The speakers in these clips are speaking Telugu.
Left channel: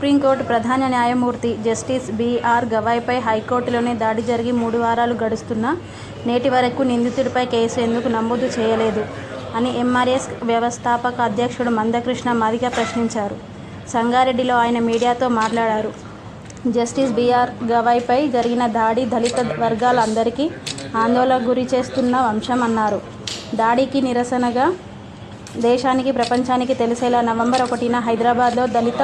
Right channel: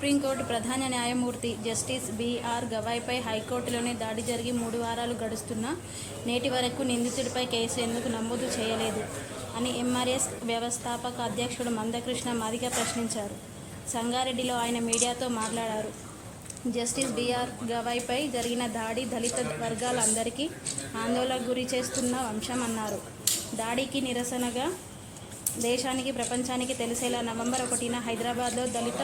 సుప్రీంకోర్టు ప్రధాన న్యాయమూర్తి జస్టిస్ బి.ఆర్. గవాయ్పై హైకోర్టులోనే దాడి జరిగి 3 వారాలు గడుస్తున్నా నేటి వరకు నిందితుడిపై కేసు ఎందుకు నమోదు చేయలేదు అని ఎంఆర్ఎస్ వ్యవస్థాపక అధ్యక్షుడు మందకృష్ణ మాదిగ ప్రశ్నించారు. సంగారెడ్డిలో ఆయన మీడియాతో మాట్లాడారు. Justice B.R.. గవాయ్పై జరిగిన దాడి దళిత వర్గాలందరికీ ఆందోళనకు గురి చేస్తున్న అంశమన్నారు. దాడికి నిరసనగా దేశానికి ప్రపంచానికి తెలిసేలా నవంబర్ 1న హైదరాబాద్లో దళిత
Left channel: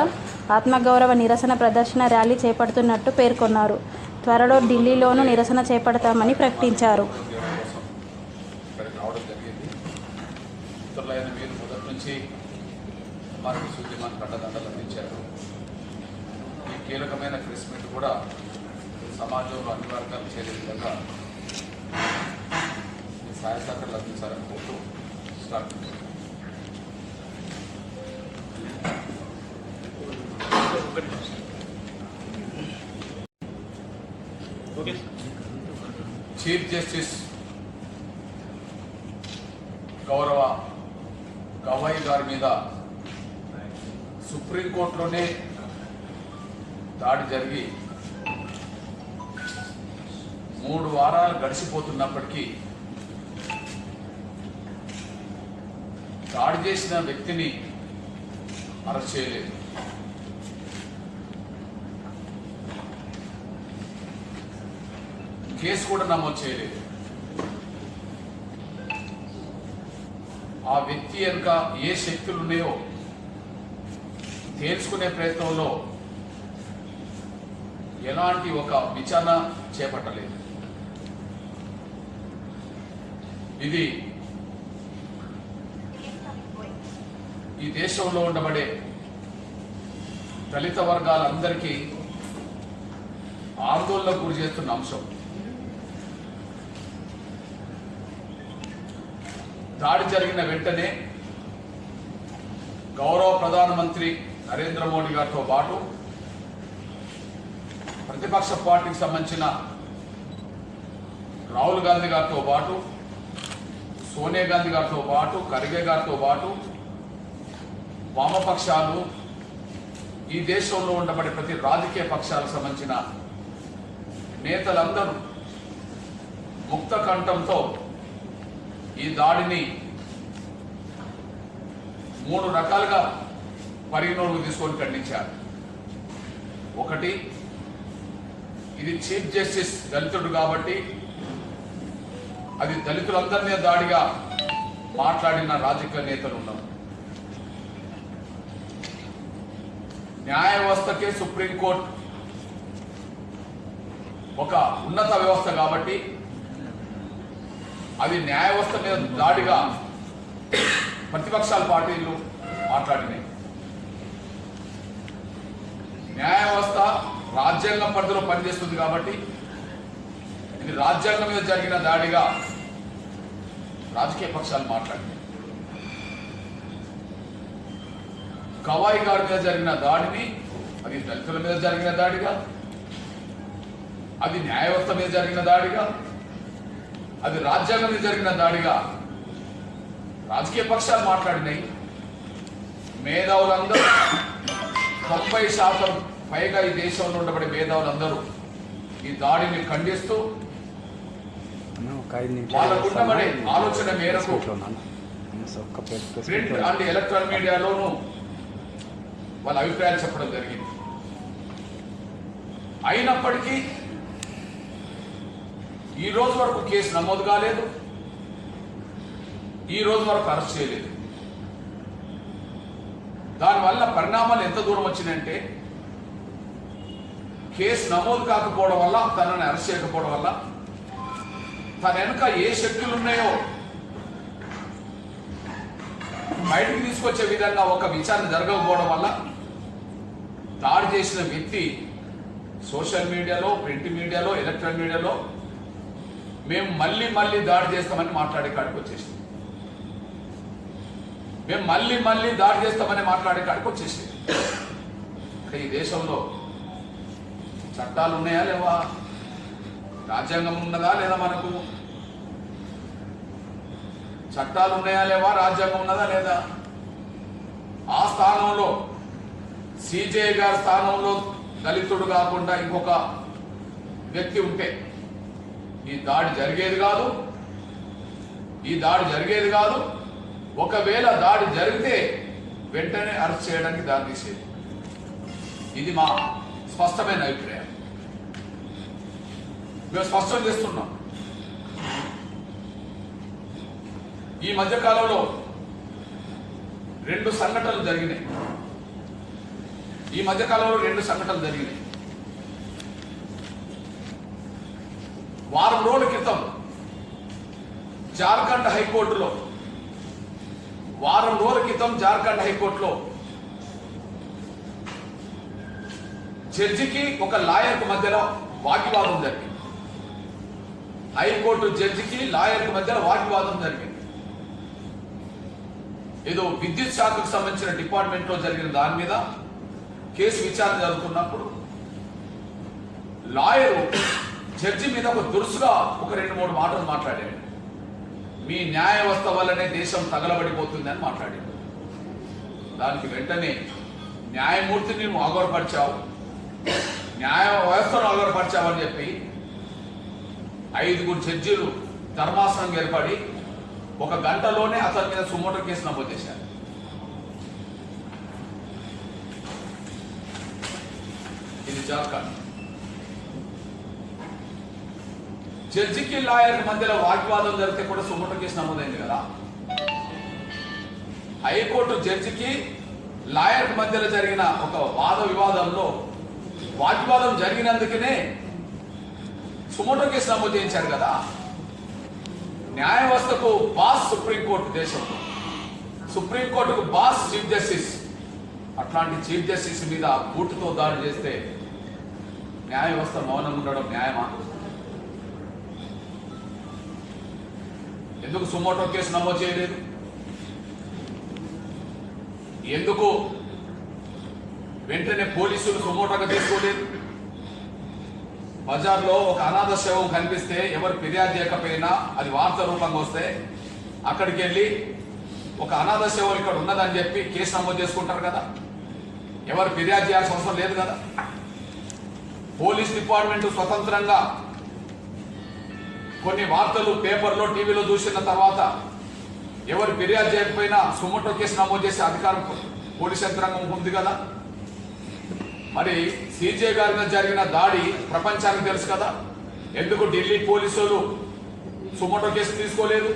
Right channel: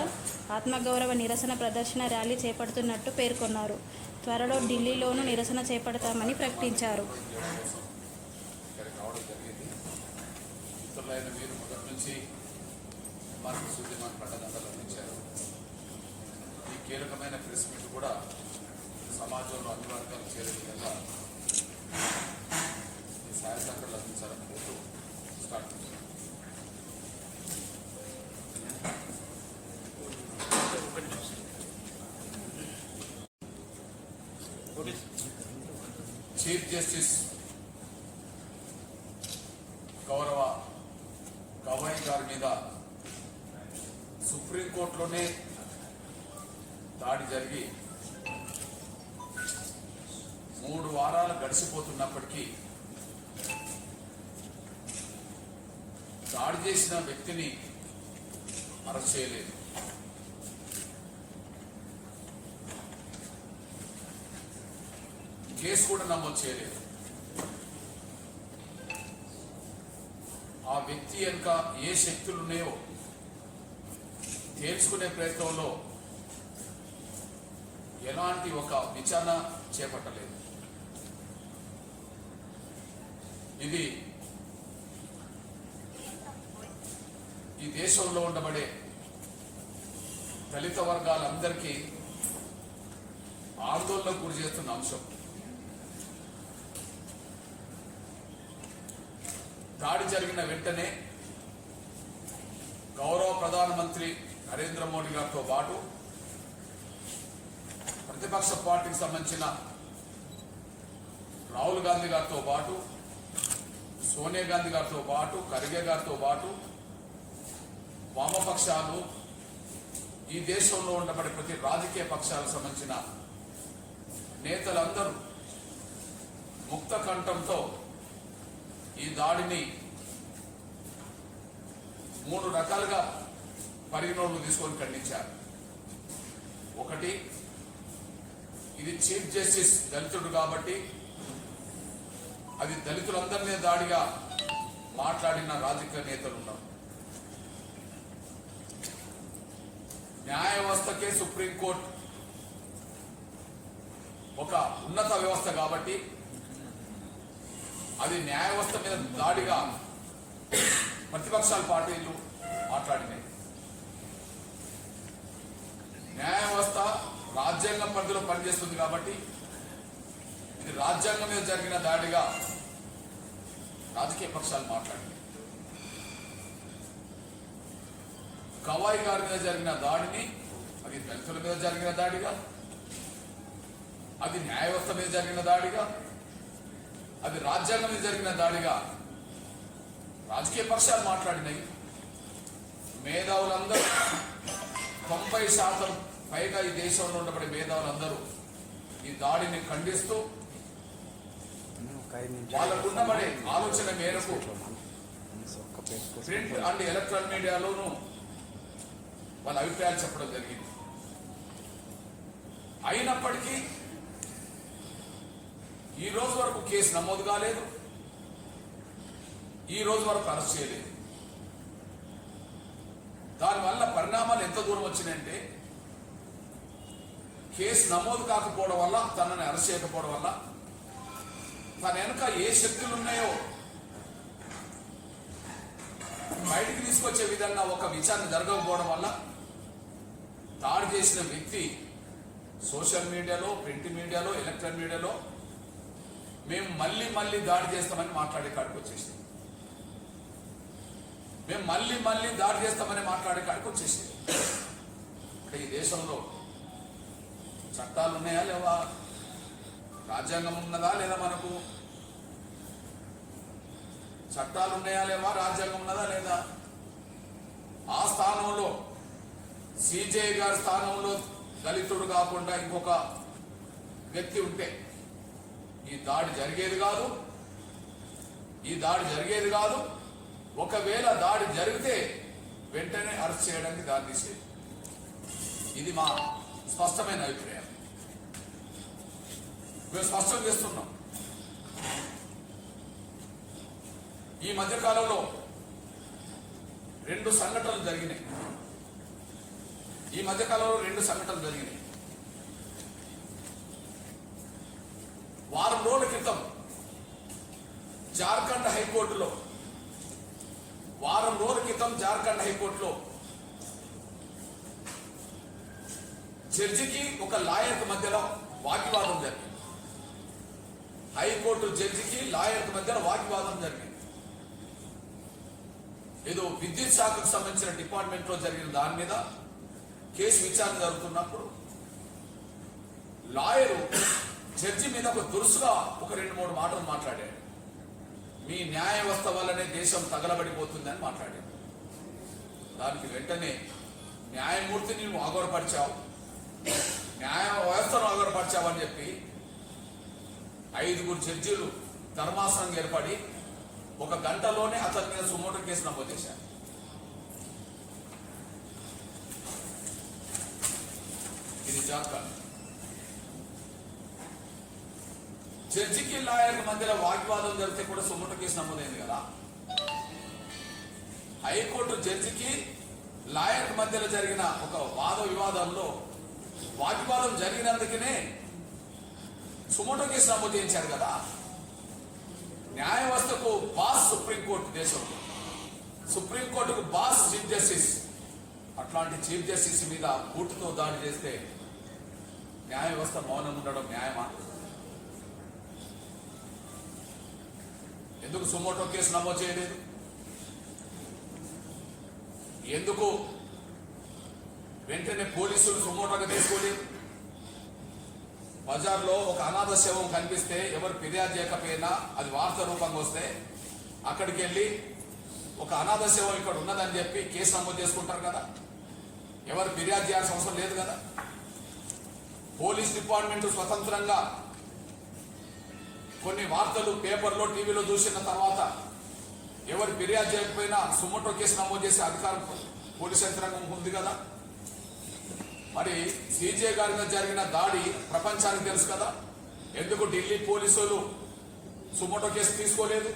ఆత్మగౌరవ నిరసన ప్రదర్శన ర్యాలీ చేపడుతున్నట్టు పేర్కొన్నారు. త్వరలో ఢిల్లీలోనూ నిరసన చేపడతామని ప్రకటించారు. కీలకమైన ప్రెస్ మీట్ కూడా సమాజంలో అన్ని వర్గాలు చేరే విధంగా ఈ సహాయ సహకారాలు అందించాలని కోరుతూ స్టార్ట్. చీఫ్ జస్టిస్ గౌరవ గవాయ్ గారి మీద సుప్రీంకోర్టులోనే దాడి జరిగి 3 వారాలు గడిచిపోతున్నప్పటికీ దాడి చేసిన వ్యక్తిని అరెస్ట్ చేయలేదు. కేసు కూడా నమోదు చేయలేదు. ఆ వ్యక్తి వెనుక ఏ శక్తులు ఉన్నాయో తేల్చుకునే ప్రయత్నంలో ఎలాంటి ఒక విచారణ చేపట్టలేదు. ఇది ఈ దేశంలో ఉండబడే దళిత వర్గాలందరికీ ఆందోళనకు గురి చేస్తున్న అంశం. దాడి జరిగిన వెంటనే గౌరవ ప్రధానమంత్రి నరేంద్ర మోడీ గారితో పాటు ప్రతిపక్ష పార్టీకి సంబంధించిన రాహుల్ గాంధీ గారితో పాటు, సోనియా గాంధీ గారితో పాటు, ఖర్గే గారితో పాటు వామపక్షాలు, ఈ దేశంలో ఉండబడే ప్రతి రాజకీయ పక్షాలకు సంబంధించిన నేతలందరూ ముక్త కంఠంతో ఈ దాడిని 3 రకాలుగా పరిగణలోకి తీసుకొని ఖండించారు. ఒకటి, ఇది చీఫ్ జస్టిస్ దళితుడు కాబట్టి అది దళితులందరినీ దాడిగా మాట్లాడిన రాజకీయ నేతలు ఉన్నారు. న్యాయ వ్యవస్థకే సుప్రీంకోర్టు ఒక ఉన్నత వ్యవస్థ కాబట్టి అది న్యాయ వ్యవస్థ మీద దాడిగా ప్రతిపక్షాల పార్టీలు మాట్లాడినాయి. న్యాయ వ్యవస్థ రాజ్యాంగం పరిధిలో పనిచేస్తుంది కాబట్టి ఇది రాజ్యాంగం మీద జరిగిన దాడిగా రాజకీయ పక్షాలు మాట్లాడినాయి. గవాయ్ గారి మీద జరిగిన దాడిని అది దళితుల మీద జరిగిన దాడిగా, అది న్యాయ వ్యవస్థ మీద జరిగిన దాడిగా, అది రాజ్యాంగం మీద జరిగిన దాడిగా రాజకీయ పక్షాలు మాట్లాడినాయి. మేధావులందరూ 90% పైగా ఈ దేశంలో ఉండబడే మేధావులందరూ ఈ దాడిని ఖండిస్తూ వాళ్ళకు ఉండబడే ఆలోచన మేరకు ప్రింట్ అండ్ ఎలక్ట్రానిక్ మీడియాలోనూ వాళ్ళ అభిప్రాయాలు చెప్పడం జరిగింది. అయినప్పటికీ ఈ రోజు వరకు కేసు నమోదు కాలేదు, ఈ రోజు వరకు అరెస్ట్ చేయలేదు. దానివల్ల పరిణామాలు ఎంత దూరం వచ్చినాయంటే, కేసు నమోదు కాకపోవడం వల్ల, తనని అరెస్ట్ చేయకపోవడం వల్ల, తన వెనుక ఏ శక్తులు ఉన్నాయో బయటకు తీసుకొచ్చే విధంగా ఒక విచారణ జరగకపోవడం వల్ల దాడి చేసిన వ్యక్తి సోషల్ మీడియాలో, ప్రింట్ మీడియాలో, ఎలక్ట్రానిక్ మీడియాలో మేము మళ్ళీ దాడి చేస్తామని మాట్లాడే కాడికి వచ్చేసింది. మేము మళ్ళీ దాడి చేస్తామని మాట్లాడే కాడికి వచ్చేసింది. ఈ దేశంలో చట్టాలు ఉన్నాయా లేవా? రాజ్యాంగం ఉన్నదా లేదా? మనకు చట్టాలు ఉన్నాయా లేవా? రాజ్యాంగం ఉన్నదా లేదా? ఆ స్థానంలో సిజే గారి స్థానంలో దళితుడు కాకుండా ఇంకొక వ్యక్తి ఉంటే ఈ దాడి జరిగేది కాదు. ఒకవేళ దాడి జరిగితే వెంటనే అరెస్ట్ చేయడానికి దారి తీసేది. ఇది మా స్పష్టమైన అభిప్రాయం. మేము స్పష్టం చేస్తున్నాం. ఈ మధ్యకాలంలో 2 సంఘటనలు జరిగినాయి. వారం రోజుల క్రితం జార్ఖండ్ హైకోర్టులో జడ్జికి ఒక లాయర్కి మధ్యలో వాగ్వాదం జరిగింది. హైకోర్టు జడ్జికి లాయర్కి మధ్యలో వాగ్వాదం జరిగింది. ఏదో విద్యుత్ శాఖకు సంబంధించిన డిపార్ట్మెంట్ లో జరిగిన దాని మీద కేసు విచారణ జరుగుతున్నప్పుడు లాయరు జడ్జి మీద ఒక దురుసుగా ఒక 2-3 మాటలు మాట్లాడాడు. మీ న్యాయ వ్యవస్థ వల్లనే దేశం తగలబడిపోతుందని మాట్లాడాడు. దానికి వెంటనే న్యాయమూర్తిని నువ్వు అగౌరవపరిచావు, న్యాయ వ్యవస్థను అగౌరవపరిచావు అని చెప్పి 5 జడ్జీలు ధర్మాసనం ఏర్పడి 1 గంటలోనే అతని మీద సుమోటో కేసు నమోదు చేశారు. ఇది జార్ఖండ్. జడ్జికి లాయర్కి మధ్యలో వాగ్వాదం జరిగితే కూడా సుమోటో కేసు నమోదైంది కదా. హైకోర్టు జడ్జికి లాయర్కి మధ్యలో జరిగిన ఒక వాద వివాదంలో వాగ్వాదం జరిగినందుకనే సుమోటో కేసు నమోదు చేయించారు కదా. న్యాయ వ్యవస్థకు బాస్ సుప్రీంకోర్టు, దేశంలో సుప్రీంకోర్టుకు బాస్ చీఫ్ జస్టిస్. అట్లాంటి చీఫ్ జస్టిస్ మీద బూటుతో దాడి చేస్తే న్యాయ వ్యవస్థ మౌనంగా ఉండడం న్యాయమా? ఎందుకు సుమోటో కేసు నమోదు చేయలేదు? ఎందుకు వెంటనే పోలీసులు సుమోటోగా తీసుకోలేదు? బజార్లో ఒక అనాథ శవం కనిపిస్తే ఎవరు ఫిర్యాదు చేయకపోయినా అది వార్త రూపంగా వస్తే అక్కడికి వెళ్ళి ఒక అనాథ శవం ఇక్కడ ఉన్నదని చెప్పి కేసు నమోదు చేసుకుంటారు కదా. ఎవరు ఫిర్యాదు చేయాల్సిన అవసరం లేదు కదా. పోలీస్ డిపార్ట్మెంట్ స్వతంత్రంగా కొన్ని వార్తలు పేపర్లో టీవీలో చూసిన తర్వాత ఎవరు ఫిర్యాదు చేయకపోయినా సుమోటో కేసు నమోదు చేసే అధికారం పోలీస్ యంత్రాంగం ఉంది కదా. మరి సిజే గారి మీద జరిగిన దాడి ప్రపంచానికి తెలుసు కదా. ఎందుకు ఢిల్లీ పోలీసులు సుమోటో కేసు తీసుకోలేదు?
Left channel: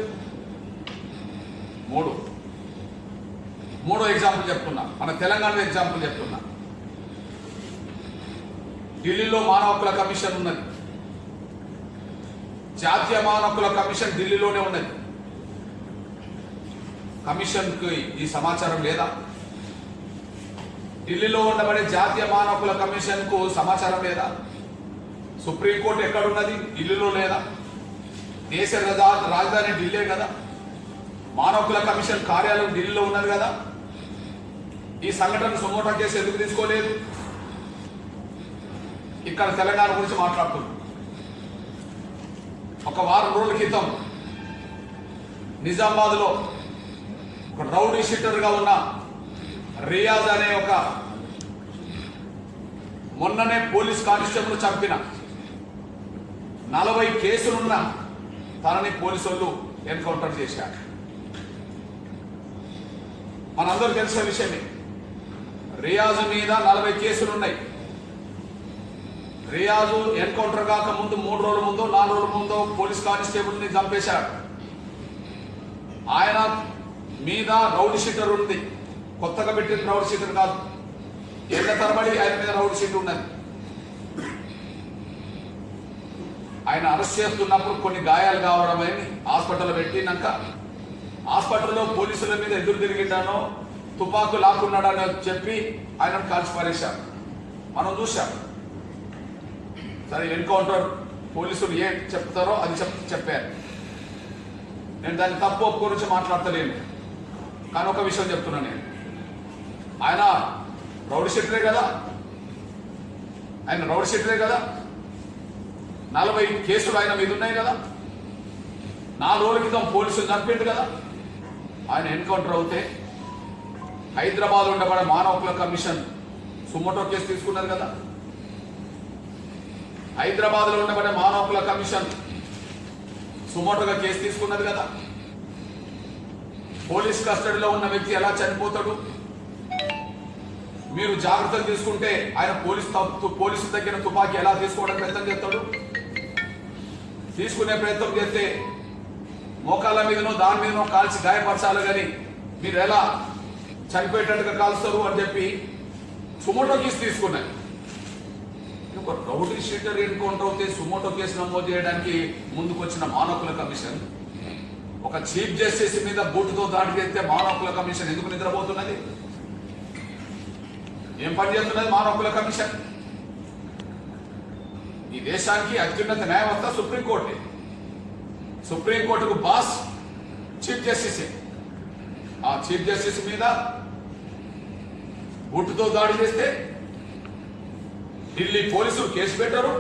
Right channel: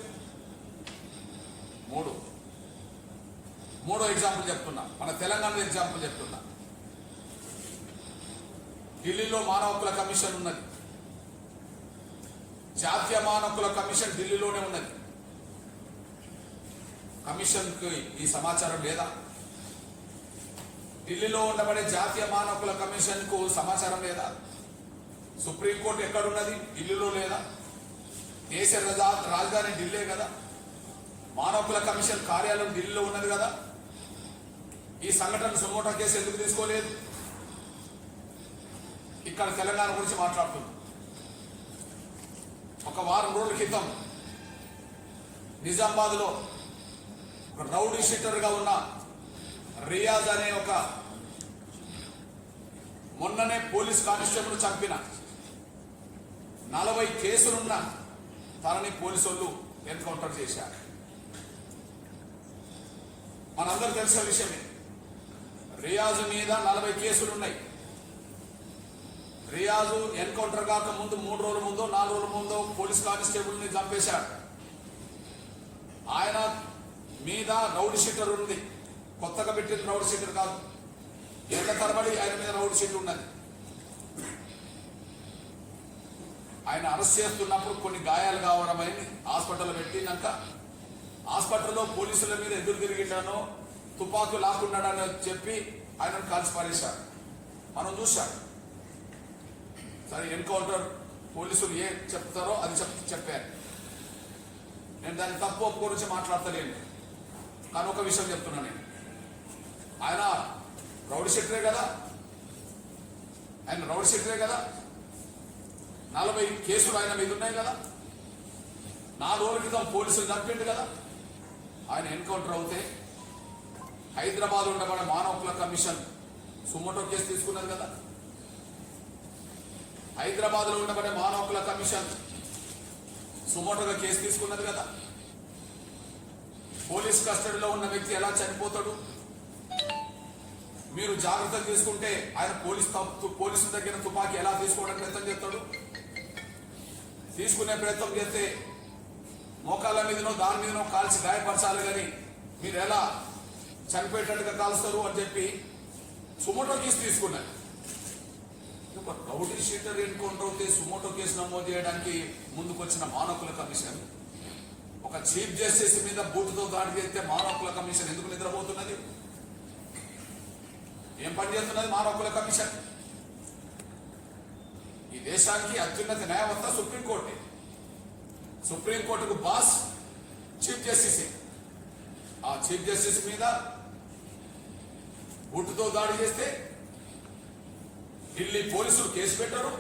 మూడో ఎగ్జాంపుల్ చెప్తున్నా, మన తెలంగాణ ఎగ్జాంపుల్ చెప్తున్నా. ఢిల్లీలో మానవ హక్కుల కమిషన్ ఉన్నది. జాతీయ మానవ హక్కుల కమిషన్ ఢిల్లీలోనే ఉన్నది. కమిషన్కి ఈ సమాచారం లేదా? ఢిల్లీలో ఉండబడే జాతీయ మానవ హక్కుల కమిషన్ కు సమాచారం లేదా? సుప్రీంకోర్టు ఎక్కడున్నది? ఢిల్లీలో లేదా? దేశ రాజధాని ఢిల్లీ కదా. మానవ హక్కుల కమిషన్ కార్యాలయం ఢిల్లీలో ఉన్నది కదా. ఈ సంఘటన సుమోటో కేసు ఎందుకు తీసుకోలేదు? ఇక్కడ తెలంగాణ గురించి మాట్లాడుతున్నాం. ఒక వారం రోజుల క్రితం నిజామాబాద్లో ఒక రౌడీ షీటర్గా ఉన్న రియాజ్ అనే ఒక మొన్ననే పోలీస్ కానిస్టేబుల్ చంపిన 40 కేసులున్న తనని పోలీసులు ఎన్కౌంటర్ చేశారు. మనందరూ తెలిసే విషయమే. రియాజ్ మీద 40 కేసులు ఉన్నాయి. రియాజు ఎన్కౌంటర్ కాక ముందు 3 రోజుల ముందు 4 రోజుల ముందు పోలీస్ కానిస్టేబుల్ని చంపేశాడు. ఆయన మీద రౌడీ షీటర్ ఉంది. కొత్తగా పెట్టిన రౌడీ షీటర్ కాదు. ఏళ్ల తరబడి ఆయన మీద రౌడీ షీటర్ ఉన్నది. ఆయన అరెస్ట్ చేస్తున్నప్పుడు కొన్ని గాయాలు కావడమని హాస్పిటల్లో పెట్టినాక హాస్పిటల్లో పోలీసుల మీద ఎదురు తిరిగిండానో తుపాకు లాక్కున్నాడని చెప్పి ఆయనను కాల్చి పారేశారు. మనం చూశాం. సరే, ఎన్కౌంటర్ పోలీసులు ఏం చెప్తారో అది చెప్పారు. నేను దాన్ని తప్పు గురించి మాట్లాడతలేను. కానీ ఒక విషయం చెప్తున్నా, నేను ఆయన రౌడీ షీటరే కదా. 40 కేసులు ఆయన మీద ఉన్నాయి కదా. 4 రోజుల క్రితం పోలీసులు చంపిండు కదా. ఆయన ఎన్కౌంటర్ అవుతే హైదరాబాద్ ఉండబడే మానవ హక్కుల కమిషన్ సుమోటో కేసు తీసుకున్నది కదా. హైదరాబాద్లో ఉండబడే మానవ హక్కుల కమిషన్ సుమోటోగా కేసు తీసుకున్నది కదా. పోలీస్ కస్టడీలో ఉన్న వ్యక్తి ఎలా చనిపోతాడు, మీరు జాగ్రత్తలు తీసుకుంటే ఆయన పోలీసు దగ్గర తుపాకీ ఎలా తీసుకోవడానికి ప్రయత్నం చేస్తాడు. తీసుకునే ప్రయత్నం చేస్తే మోకాళ్ళ మీదనో దాని మీదనో కాల్చి గాయపరచాలి, కానీ మీరు ఎలా చనిపోయేటట్టుగా కాల్స్తారు అని చెప్పి సుమోటో కేసు తీసుకున్నారు. ఒక రౌడీ షీటర్ ఎన్కౌంటర్ అవుతే సుమోటో కేసు నమోదు చేయడానికి ముందుకు వచ్చిన మానవ హక్కుల కమిషన్ ఒక చీఫ్ జస్టిస్ మీద బూటుతో దాడి చేస్తే మానవ హక్కుల కమిషన్ ఎందుకు నిద్రపోతున్నది? ఏం పని చేస్తున్నది మానవ హక్కుల కమిషన్? ఈ దేశానికి అత్యున్నత న్యాయవంత సుప్రీంకోర్టు. సుప్రీంకోర్టుకు బాస్ చీఫ్ జస్టిస్. ఆ చీఫ్ జస్టిస్ మీద బూటుతో దాడి చేస్తే ఢిల్లీ పోలీసులు కేసు పెట్టారు,